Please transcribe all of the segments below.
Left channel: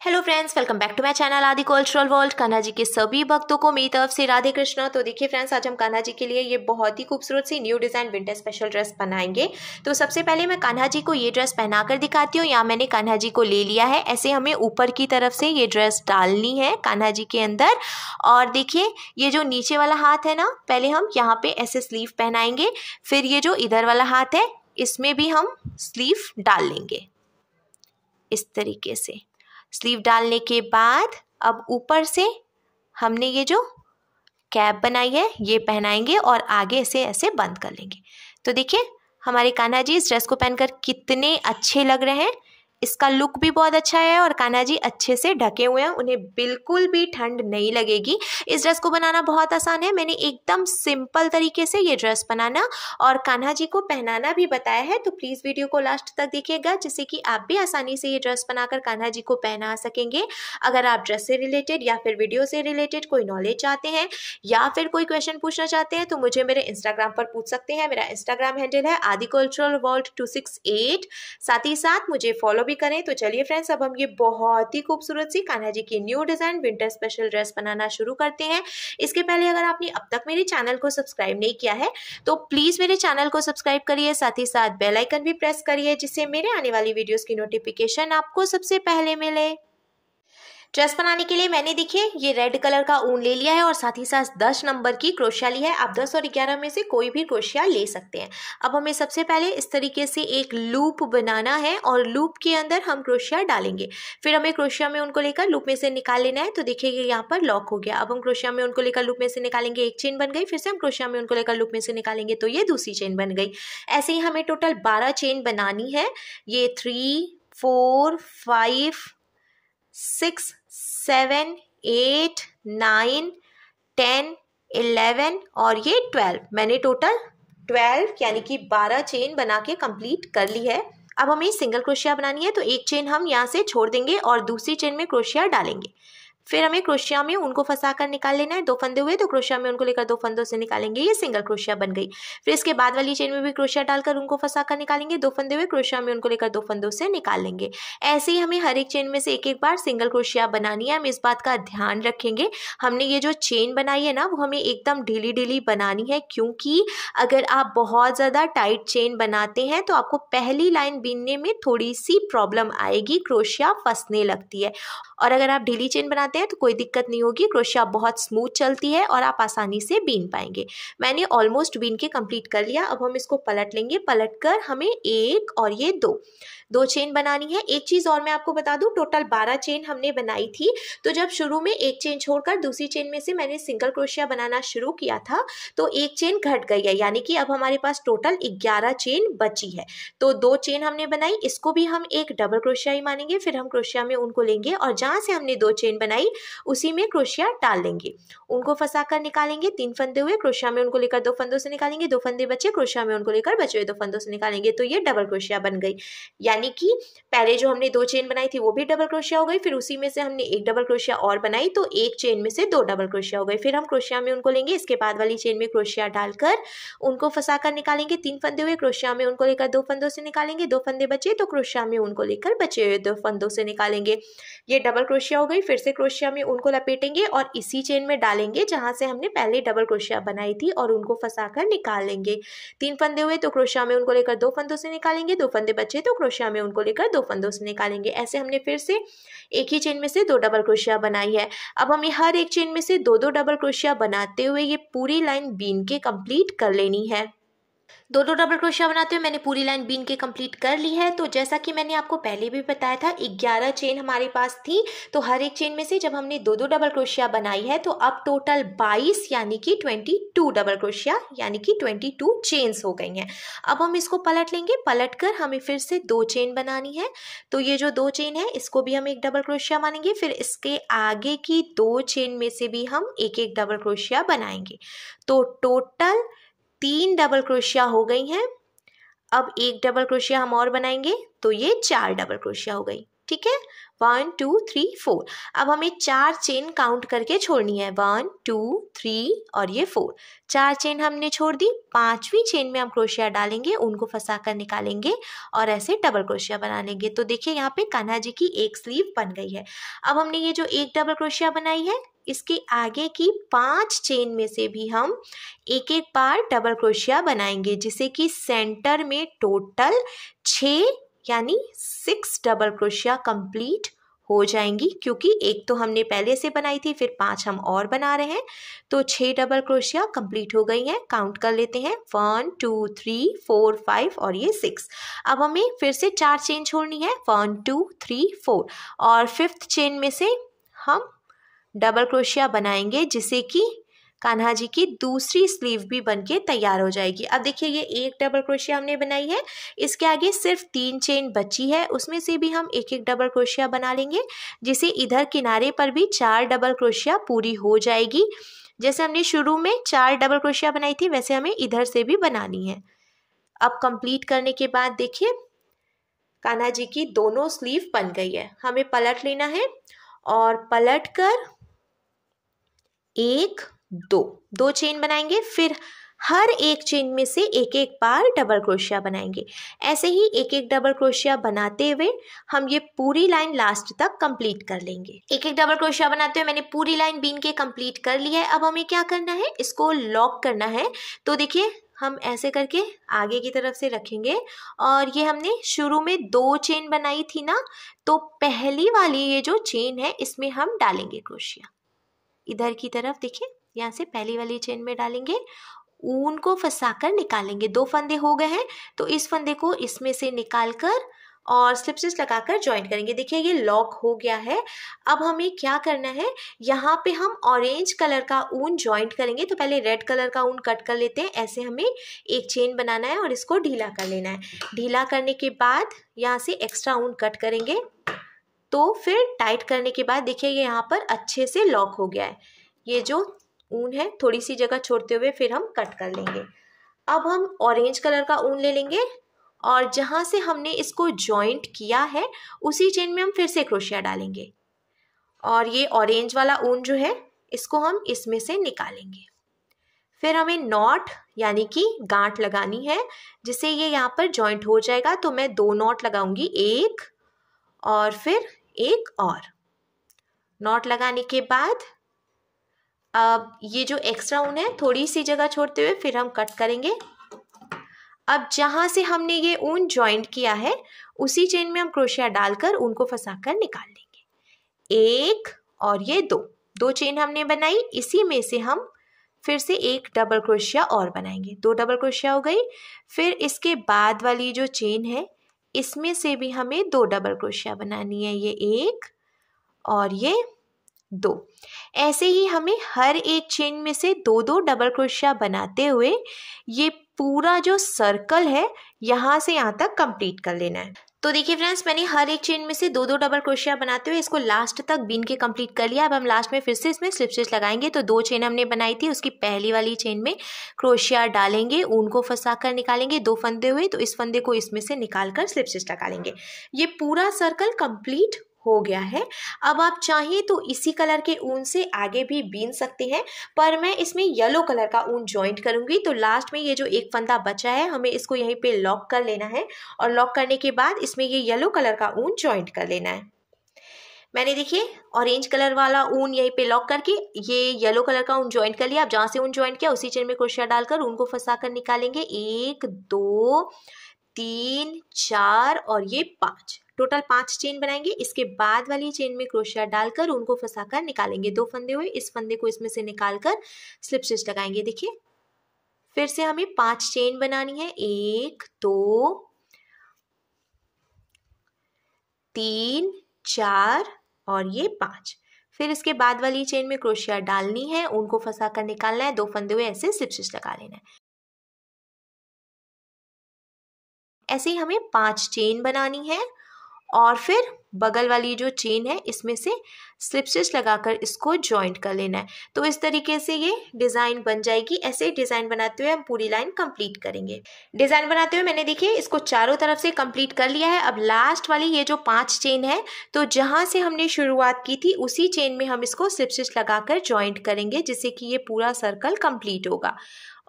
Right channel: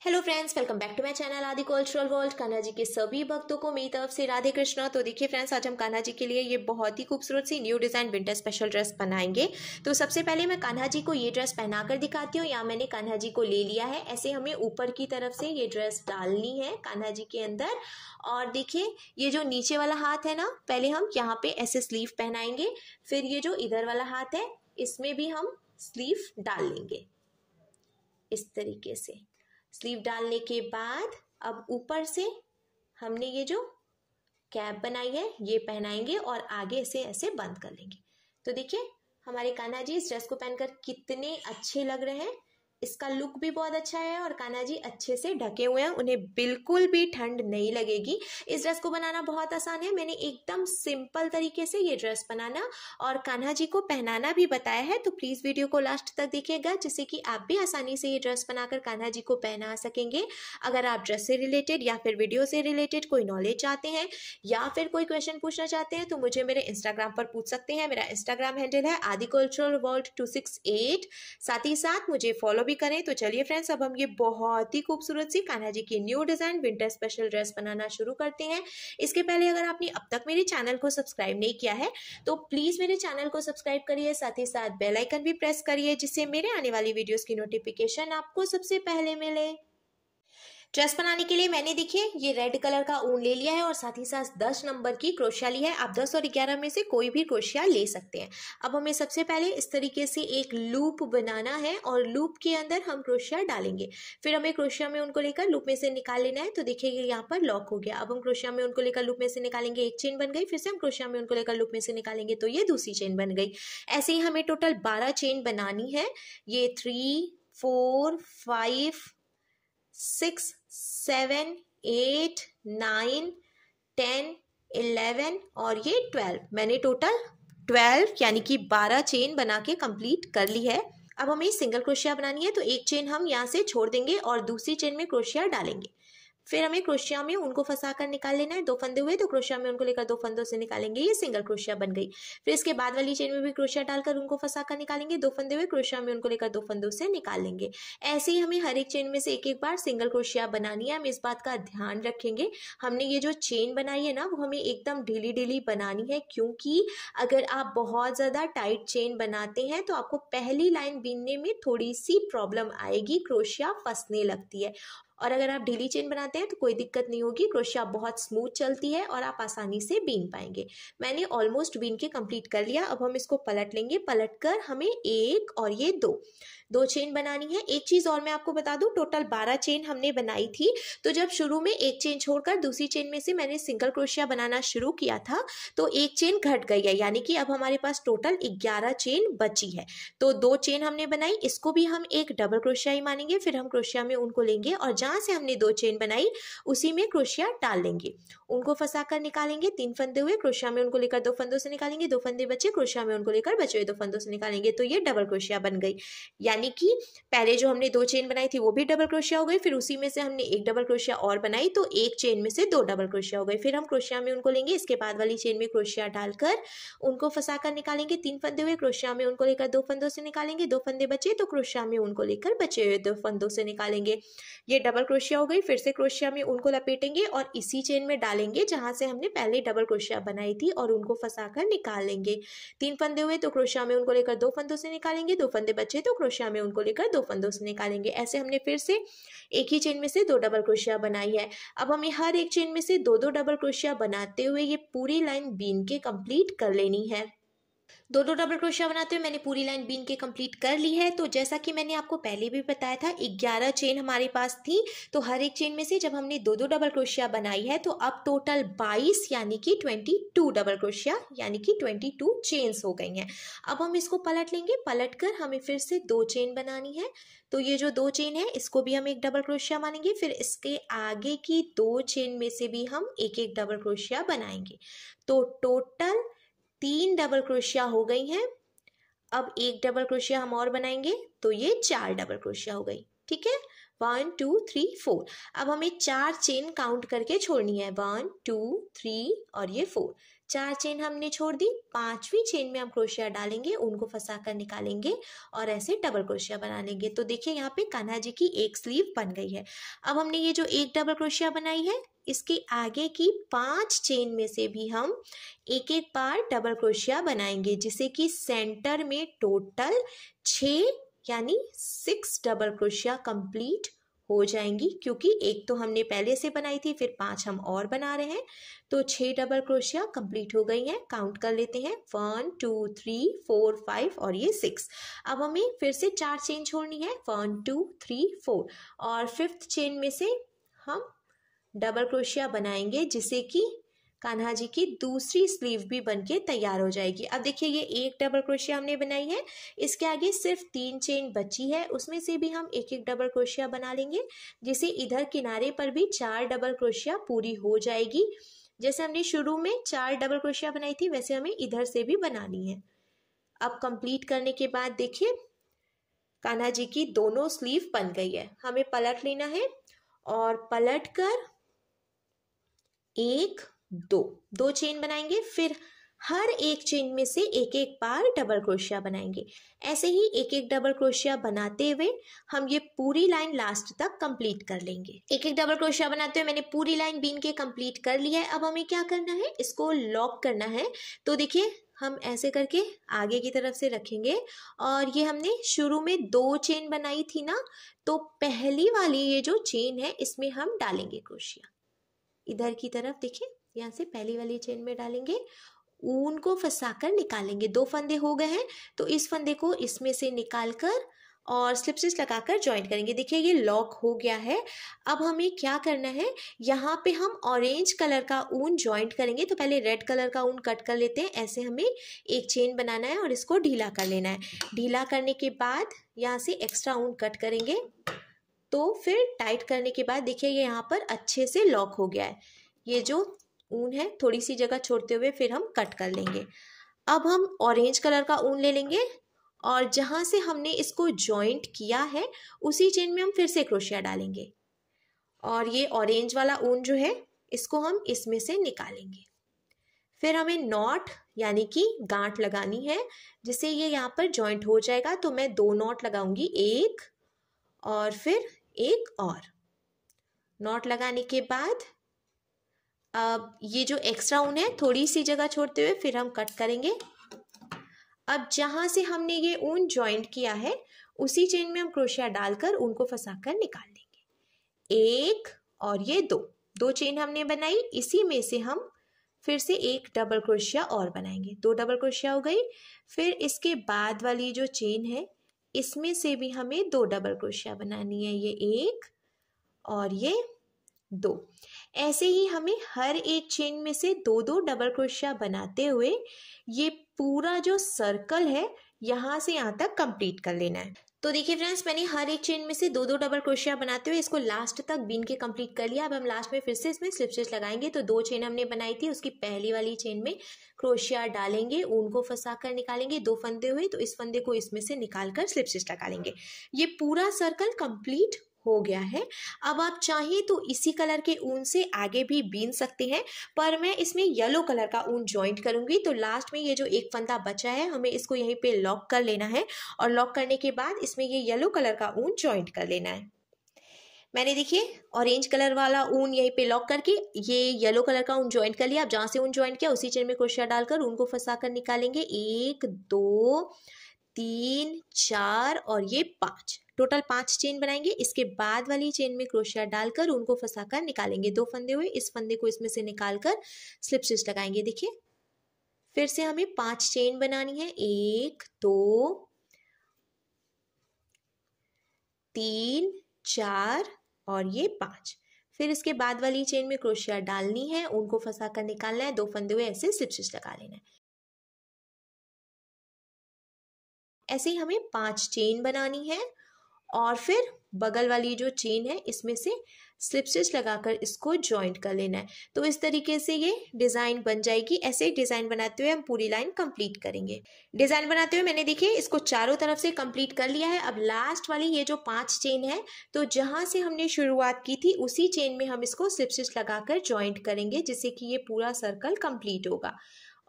Hello friends, welcome back to my channel Aadi cultural world. Kanha ji के सभी भक्तों को मेरी तरफ से राधे कृष्णा। तो देखिए फ्रेंड्स, आज हम कान्हा जी के लिए ये बहुत ही खूबसूरत सी new design winter special dress बनाएंगे। तो सबसे पहले मैं कान्हा जी को ये ड्रेस पहनाकर दिखाती हूँ। यहाँ मैंने कान्हा जी को ले लिया है। ऐसे हमें ऊपर की तरफ से ये ड्रेस डालनी है कान्हा जी के अंदर। और देखिए ये जो नीचे वाला हाथ है ना, पहले हम यहाँ पे ऐसे स्लीव पहनाएंगे, फिर ये जो इधर वाला हाथ है इसमें भी हम स्लीव डाल लेंगे इस तरीके से। स्लीव डालने के बाद अब ऊपर से हमने ये जो कैप बनाई है ये पहनाएंगे और आगे से ऐसे बंद कर लेंगे। तो देखिए हमारे कान्हा जी इस ड्रेस को पहनकर कितने अच्छे लग रहे हैं। इसका लुक भी बहुत अच्छा है और कान्हा जी अच्छे से ढके हुए हैं, उन्हें बिल्कुल भी ठंड नहीं लगेगी। इस ड्रेस को बनाना बहुत आसान है। मैंने एकदम सिंपल तरीके से ये ड्रेस बनाना और कान्हा जी को पहनाना भी बताया है। तो प्लीज़ वीडियो को लास्ट तक देखिएगा, जिससे कि आप भी आसानी से ये ड्रेस बनाकर कान्हा जी को पहना सकेंगे। अगर आप ड्रेस से रिलेटेड या फिर वीडियो से रिलेटेड कोई नॉलेज चाहते हैं या फिर कोई क्वेश्चन पूछना चाहते हैं तो मुझे मेरे इंस्टाग्राम पर पूछ सकते हैं। मेरा इंस्टाग्राम हैंडल है आदि कल्चरल वर्ल्ड 268। साथ ही साथ मुझे फॉलो भी करें। तो चलिए फ्रेंड्स, अब हम ये बहुत ही खूबसूरत सी कान्हा जी की new design winter special dress बनाना शुरू करते हैं। इसके पहले अगर आपने अब तक मेरे चैनल को सब्सक्राइब नहीं किया है तो प्लीज मेरे चैनल को सब्सक्राइब करिए, साथ ही साथ बेल आइकन भी प्रेस करिए, जिससे मेरे आने वाली वीडियोस की नोटिफिकेशन आपको सबसे पहले मिले। ड्रेस बनाने के लिए मैंने देखिए ये रेड कलर का ऊन ले लिया है और साथ ही साथ 10 नंबर की क्रोशिया ली है। आप 10 और 11 में से कोई भी क्रोशिया ले सकते हैं। अब हमें सबसे पहले इस तरीके से एक लूप बनाना है और लूप के अंदर हम क्रोशिया डालेंगे। फिर हमें क्रोशिया में उनको लेकर लूप में से निकाल लेना है। तो देखिए ये यहाँ पर लॉक हो गया। अब हम क्रोशिया में उनको लेकर लूप में से निकालेंगे, एक चेन बन गई। फिर से हम क्रोशिया में उनको लेकर लूप में से निकालेंगे तो ये दूसरी चेन बन गई। ऐसे ही हमें टोटल 12 चेन बनानी है। ये 3, 4, 5, 6, 7, 8, 9, 10, 11 और ये 12। मैंने टोटल 12 यानी कि 12 चेन बना के कंप्लीट कर ली है। अब हमें सिंगल क्रोशिया बनानी है। तो एक चेन हम यहाँ से छोड़ देंगे और दूसरी चेन में क्रोशिया डालेंगे। फिर हमें क्रोशिया में उनको फंसा कर निकाल लेना है। 2 फंदे हुए तो क्रोशिया में उनको लेकर 2 फंदों से निकालेंगे, ये सिंगल क्रोशिया बन गई। फिर इसके बाद वाली चेन में भी क्रोशिया डालकर उनको फंसा कर निकालेंगे। 2 फंदे हुए क्रोशिया में उनको लेकर 2 फंदों से निकाल लेंगे। ऐसे ही हमें हर एक चेन में से एक एक बार सिंगल क्रोशिया बनानी है। हम इस बात का ध्यान रखेंगे, हमने ये जो चेन बनाई है ना वो हमें एकदम ढीली ढीली बनानी है, क्योंकि अगर आप बहुत ज़्यादा टाइट चेन बनाते हैं तो आपको पहली लाइन बीनने में थोड़ी सी प्रॉब्लम आएगी, क्रोशिया फंसने लगती है। और अगर आप ढीली चेन बनाते हैं तो कोई दिक्कत नहीं होगी, क्रोशिया बहुत स्मूथ चलती है और आप आसानी से बीन पाएंगे। मैंने ऑलमोस्ट बीन के कंप्लीट कर लिया। अब हम इसको पलट लेंगे। पलट कर हमें एक और ये दो चेन बनानी है। एक चीज़ और मैं आपको बता दूं, टोटल 12 चेन हमने बनाई थी। तो जब शुरू में एक चेन छोड़कर दूसरी चेन में से मैंने सिंगल क्रोशिया बनाना शुरू किया था तो एक चेन घट गई है, यानी कि अब हमारे पास टोटल 11 चेन बची है। तो 2 चेन हमने बनाई, इसको भी हम एक डबल क्रोशिया ही मानेंगे। फिर हम क्रोशिया में उनको लेंगे और जहाँ से हमने 2 चेन बनाई उसी में क्रोशिया डाल लेंगे, उनको फंसा कर निकालेंगे। 3 फंदे हुए क्रोशिया में उनको लेकर 2 फंदों से निकालेंगे। 2 फंदे बचे क्रोशिया में उनको लेकर बचे हुए 2 फंदों से निकालेंगे तो ये डबल क्रोशिया बन गई। यानी कि पहले जो हमने 2 चेन बनाई थी वो भी डबल क्रोशिया हो गई, फिर उसी में से हमने एक डबल क्रोशिया और बनाई तो एक चेन में से 2 डबल क्रोशिया हो गई। फिर हम क्रोशिया में उनको लेंगे, इसके बाद वाली चेन में क्रोशिया डालकर उनको फंसा कर निकालेंगे। 3 फंदे हुए क्रोशिया में उनको लेकर 2 फंदों से निकालेंगे। 2 फंदे बचे तो क्रोशिया में उनको लेकर बचे हुए 2 फंदों से निकालेंगे। ये डबल क्रोशिया हो गई। फिर से क्रोशिया में उनको लपेटेंगे और इसी चेन में डालेंगे जहां से हमने पहले डबल क्रोशिया बनाई थी और उनको फंसा कर निकाल लेंगे। 3 फंदे हुए तो क्रोशिया में उनको लेकर 2 फंदों से निकालेंगे। 2 फंदे बचे तो क्रोशिया में उनको लेकर 2 फंदों से निकालेंगे। ऐसे हमने फिर से एक ही चेन में से 2 डबल क्रोशिया बनाई है। अब हमें हर एक चेन में से 2-2 डबल क्रोशिया बनाते हुए ये पूरी लाइन बीन के कंप्लीट कर लेनी है। 2-2 डबल क्रोशिया बनाते हुए मैंने पूरी लाइन बीन के कंप्लीट कर ली है। तो जैसा कि मैंने आपको पहले भी बताया था 11 चेन हमारे पास थी, तो हर एक चेन में से जब हमने 2-2 डबल क्रोशिया बनाई है तो अब टोटल 22 यानी कि 22 डबल क्रोशिया यानी कि 22 चेन्स हो गई हैं। अब हम इसको पलट लेंगे। पलट कर हमें फिर से 2 चेन बनानी है। तो ये जो 2 चेन है इसको भी हम एक डबल क्रोशिया मानेंगे। फिर इसके आगे की 2 चेन में से भी हम एक एक डबल क्रोशिया बनाएंगे। तो टोटल 3 डबल क्रोशिया हो गई हैं। अब एक डबल क्रोशिया हम और बनाएंगे तो ये 4 डबल क्रोशिया हो गई। ठीक है, 1 2 3 4। अब हमें 4 चेन काउंट करके छोड़नी है, 1 2 3 और ये 4। 4 चेन हमने छोड़ दी। 5वीं चेन में हम क्रोशिया डालेंगे, उनको फंसा कर निकालेंगे और ऐसे डबल क्रोशिया बना लेंगे। तो देखिए यहाँ पे कान्हा जी की एक स्लीव बन गई है। अब हमने ये जो एक डबल क्रोशिया बनाई है, इसके आगे की 5 चेन में से भी हम एक एक बार डबल क्रोशिया बनाएंगे, जिससे कि सेंटर में टोटल 6 यानी 6 डबल क्रोशिया कंप्लीट हो जाएंगी। क्योंकि एक तो हमने पहले से बनाई थी, फिर 5 हम और बना रहे हैं, तो 6 डबल क्रोशिया कंप्लीट हो गई हैं। काउंट कर लेते हैं, 1 2 3 4 5 और ये 6। अब हमें फिर से 4 चेन छोड़नी है, 1 2 3 4 और 5th चेन में से हम डबल क्रोशिया बनाएंगे, जिससे कि कान्हा जी की दूसरी स्लीव भी बनके तैयार हो जाएगी। अब देखिए ये एक डबल क्रोशिया हमने बनाई है, इसके आगे सिर्फ 3 चेन बची है, उसमें से भी हम एक एक डबल क्रोशिया बना लेंगे, जिसे इधर किनारे पर भी 4 डबल क्रोशिया पूरी हो जाएगी। जैसे हमने शुरू में 4 डबल क्रोशिया बनाई थी, वैसे हमें इधर से भी बनानी है। अब कंप्लीट करने के बाद देखिए कान्हा जी की दोनों स्लीव बन गई है। हमें पलट लेना है और पलट कर 1 2 चेन बनाएंगे, फिर हर एक चेन में से एक एक बार डबल क्रोशिया बनाएंगे। ऐसे ही एक एक डबल क्रोशिया बनाते हुए हम ये पूरी लाइन लास्ट तक कंप्लीट कर लेंगे। एक एक डबल क्रोशिया बनाते हुए मैंने पूरी लाइन बीन के कंप्लीट कर ली है। अब हमें क्या करना है, इसको लॉक करना है। तो देखिए हम ऐसे करके आगे की तरफ से रखेंगे और ये हमने शुरू में 2 चेन बनाई थी ना, तो पहली वाली ये जो चेन है इसमें हम डालेंगे क्रोशिया। इधर की तरफ देखिए, यहाँ से पहली वाली चेन में डालेंगे, ऊन को फंसाकर निकालेंगे। 2 फंदे हो गए हैं, तो इस फंदे को इसमें से निकाल कर और स्लिप स्टिच लगाकर ज्वाइंट करेंगे। देखिए ये लॉक हो गया है। अब हमें क्या करना है, यहाँ पे हम ऑरेंज कलर का ऊन ज्वाइंट करेंगे। तो पहले रेड कलर का ऊन कट कर लेते हैं। ऐसे हमें एक चेन बनाना है और इसको ढीला कर लेना है। ढीला करने के बाद यहाँ से एक्स्ट्रा ऊन कट करेंगे, तो फिर टाइट करने के बाद देखिए ये यहाँ पर अच्छे से लॉक हो गया है। ये जो ऊन है थोड़ी सी जगह छोड़ते हुए फिर हम कट कर लेंगे। अब हम ऑरेंज कलर का ऊन ले लेंगे और जहाँ से हमने इसको जॉइंट किया है उसी चेन में हम फिर से क्रोशिया डालेंगे और ये ऑरेंज वाला ऊन जो है इसको हम इसमें से निकालेंगे। फिर हमें नॉट यानी कि गांठ लगानी है, जिससे ये यहाँ पर जॉइंट हो जाएगा। तो मैं 2 नॉट लगाऊंगी, एक और फिर एक और। नॉट लगाने के बाद अब ये जो एक्स्ट्रा ऊन है थोड़ी सी जगह छोड़ते हुए फिर हम कट करेंगे। अब जहाँ से हमने ये ऊन ज्वाइंट किया है उसी चेन में हम क्रोशिया डालकर ऊन को फंसाकर निकाल लेंगे। एक और ये 2 चेन हमने बनाई, इसी में से हम फिर से एक डबल क्रोशिया और बनाएंगे। 2 डबल क्रोशिया हो गई। फिर इसके बाद वाली जो चेन है इसमें से भी हमें 2 डबल क्रोशिया बनानी है, ये 1 और ये 2। ऐसे ही हमें हर एक चेन में से 2 डबल क्रोशिया बनाते हुए ये पूरा जो सर्कल है यहाँ से यहाँ तक कंप्लीट कर लेना है। तो देखिए फ्रेंड्स, मैंने हर एक चेन में से 2 डबल क्रोशिया बनाते हुए इसको लास्ट तक बीन के कंप्लीट कर लिया। अब हम लास्ट में फिर से इसमें स्लिप स्टिच लगाएंगे। तो 2 चेन हमने बनाई थी, उसकी पहली वाली चेन में क्रोशिया डालेंगे, ऊन को फंसा कर निकालेंगे। 2 फंदे हुए तो इस फंदे को इसमें से निकाल कर स्लिप स्टिच लगा लेंगे। ये पूरा सर्कल कंप्लीट हो गया है। अब आप चाहिए तो इसी कलर के ऊन से आगे भी बीन सकते हैं, पर मैं इसमें येलो कलर का ऊन ज्वाइंट करूंगी। तो लास्ट में ये जो एक फंदा बचा है हमें इसको यहीं पे लॉक कर लेना है और लॉक करने के बाद इसमें ये येलो कलर का ऊन ज्वाइंट कर लेना है। मैंने देखिए ऑरेंज कलर वाला ऊन यहीं पे लॉक करके ये येलो कलर का ऊन ज्वाइंट कर लिया। आप जहाँ से ऊन ज्वाइंट किया उसी चेन में क्रोशिया डालकर ऊन को फंसा कर निकालेंगे। 1 2 3 4 और ये 5, टोटल 5 चेन बनाएंगे। इसके बाद वाली चेन में क्रोशिया डालकर उनको फंसाकर निकालेंगे। 2 फंदे हुए, इस फंदे को इसमें से निकालकर स्लिप स्टिच लगाएंगे। देखिए फिर से हमें 5 चेन बनानी है, 1 2 3 4 और ये 5। फिर इसके बाद वाली चेन में क्रोशिया डालनी है, उनको फंसाकर निकालना है। 2 फंदे हुए ऐसे स्लिप स्टिच लगा लेना है। ऐसे ही हमें 5 चेन बनानी है और फिर बगल वाली जो चेन है इसमें से स्लिप स्टिच लगाकर इसको जॉइंट कर लेना है। तो इस तरीके से ये डिज़ाइन बन जाएगी। ऐसे डिज़ाइन बनाते हुए हम पूरी लाइन कंप्लीट करेंगे। डिज़ाइन बनाते हुए मैंने देखिए इसको चारों तरफ से कंप्लीट कर लिया है। अब लास्ट वाली ये जो 5 चेन है, तो जहाँ से हमने शुरुआत की थी उसी चेन में हम इसको स्लिप स्टिच लगाकर जॉइंट करेंगे, जिससे कि ये पूरा सर्कल कंप्लीट होगा।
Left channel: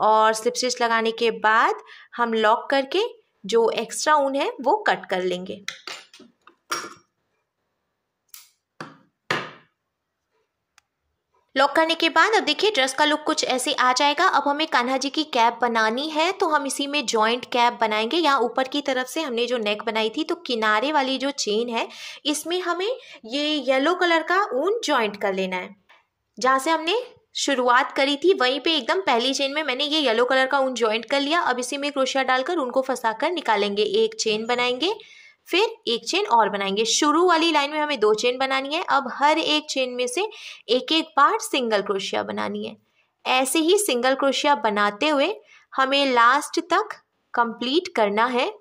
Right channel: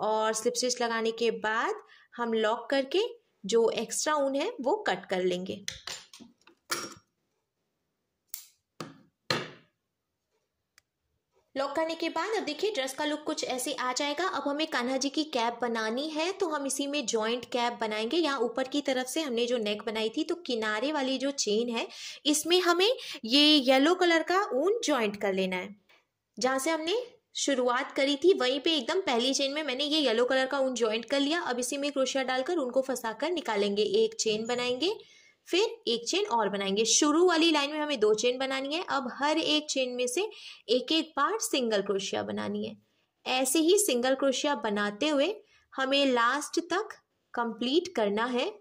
और स्लिप स्टिच लगाने के बाद हम लॉक करके जो एक्स्ट्रा ऊन है वो कट कर लेंगे। लॉक करने के बाद अब देखिए ड्रेस का लुक कुछ ऐसे आ जाएगा। अब हमें कान्हा जी की कैप बनानी है, तो हम इसी में जॉइंट कैप बनाएंगे। यहाँ ऊपर की तरफ से हमने जो नेक बनाई थी, तो किनारे वाली जो चेन है इसमें हमें ये येलो कलर का ऊन जॉइंट कर लेना है। जहाँ से हमने शुरुआत करी थी वहीं पे एकदम पहली चेन में मैंने ये येलो कलर का ऊन जॉइंट कर लिया। अब इसी में क्रोशिया डालकर उनको फंसाकर निकालेंगे। एक चेन बनाएंगे, फिर एक चेन और बनाएंगे। शुरू वाली लाइन में हमें 2 चेन बनानी है। अब हर एक चेन में से एक एक बार सिंगल क्रोशिया बनानी है। ऐसे ही सिंगल क्रोशिया बनाते हुए हमें लास्ट तक कंप्लीट करना है।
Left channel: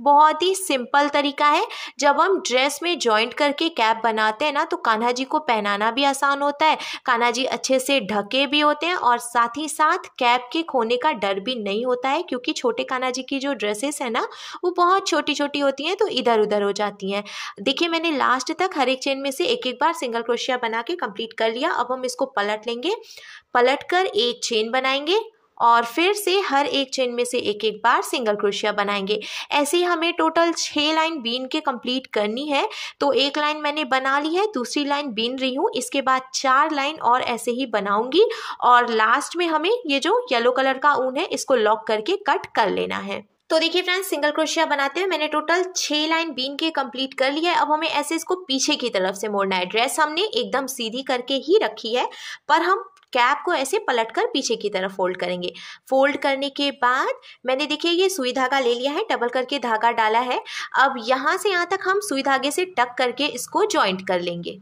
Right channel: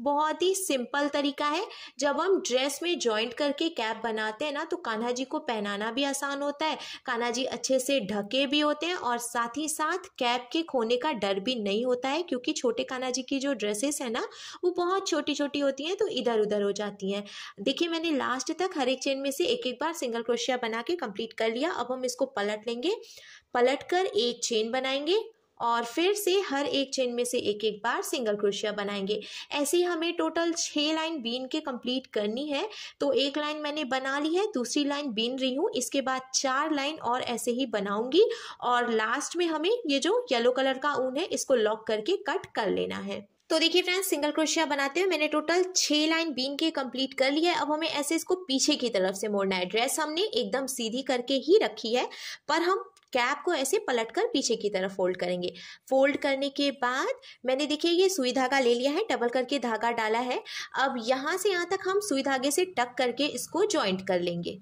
बहुत ही सिंपल तरीका है। जब हम ड्रेस में जॉइंट करके कैप बनाते हैं ना, तो कान्हा जी को पहनाना भी आसान होता है, कान्हा जी अच्छे से ढके भी होते हैं और साथ ही साथ कैप के खोने का डर भी नहीं होता है, क्योंकि छोटे कान्हा जी की जो ड्रेसेस है ना वो बहुत छोटी छोटी होती हैं, तो इधर उधर हो जाती हैं। देखिए मैंने लास्ट तक हर एक चेन में से एक एक बार सिंगल क्रोशिया बना के कंप्लीट कर लिया। अब हम इसको पलट लेंगे, पलट कर एक चेन बनाएंगे और फिर से हर एक चेन में से एक एक बार सिंगल क्रोशिया बनाएंगे। ऐसे ही हमें टोटल 6 लाइन बीन के कंप्लीट करनी है। तो एक लाइन मैंने बना ली है, दूसरी लाइन बीन रही हूँ, इसके बाद 4 लाइन और ऐसे ही बनाऊंगी और लास्ट में हमें ये जो येलो कलर का ऊन है इसको लॉक करके कट कर लेना है। तो देखिए फ्रेंड्स, सिंगल क्रोशिया बनाते हुए मैंने टोटल 6 लाइन बीन के कंप्लीट कर लिया है। अब हमें ऐसे इसको पीछे की तरफ से मोड़ना है। ड्रेस हमने एकदम सीधी करके ही रखी है, पर हम कैप को ऐसे पलटकर पीछे की तरफ फोल्ड करेंगे। फोल्ड करने के बाद मैंने देखिए ये सुई धागा ले लिया है, डबल करके धागा डाला है। अब यहाँ से यहाँ तक हम सुई धागे से टक करके इसको जॉइंट कर लेंगे।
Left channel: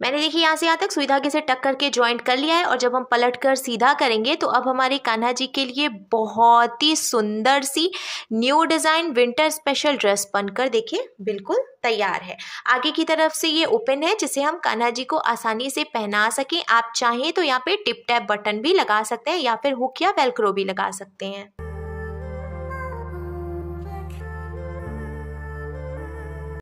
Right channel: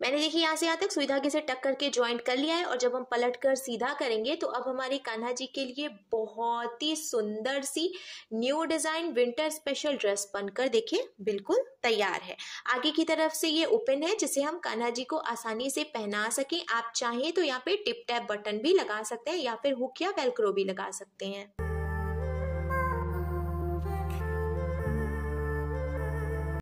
मैंने देखिए यहाँ से यहाँ तक सुई धागे से टक करके जॉइंट कर लिया है। और जब हम पलट कर सीधा करेंगे तो अब हमारे कान्हा जी के लिए बहुत ही सुंदर सी new design winter special dress बनकर देखिए बिल्कुल तैयार है। आगे की तरफ से ये ओपन है, जिसे हम कान्हा जी को आसानी से पहना सकें। आप चाहें तो यहाँ पे टिप टैप बटन भी लगा सकते हैं या फिर हुक या वेलक्रो भी लगा सकते हैं।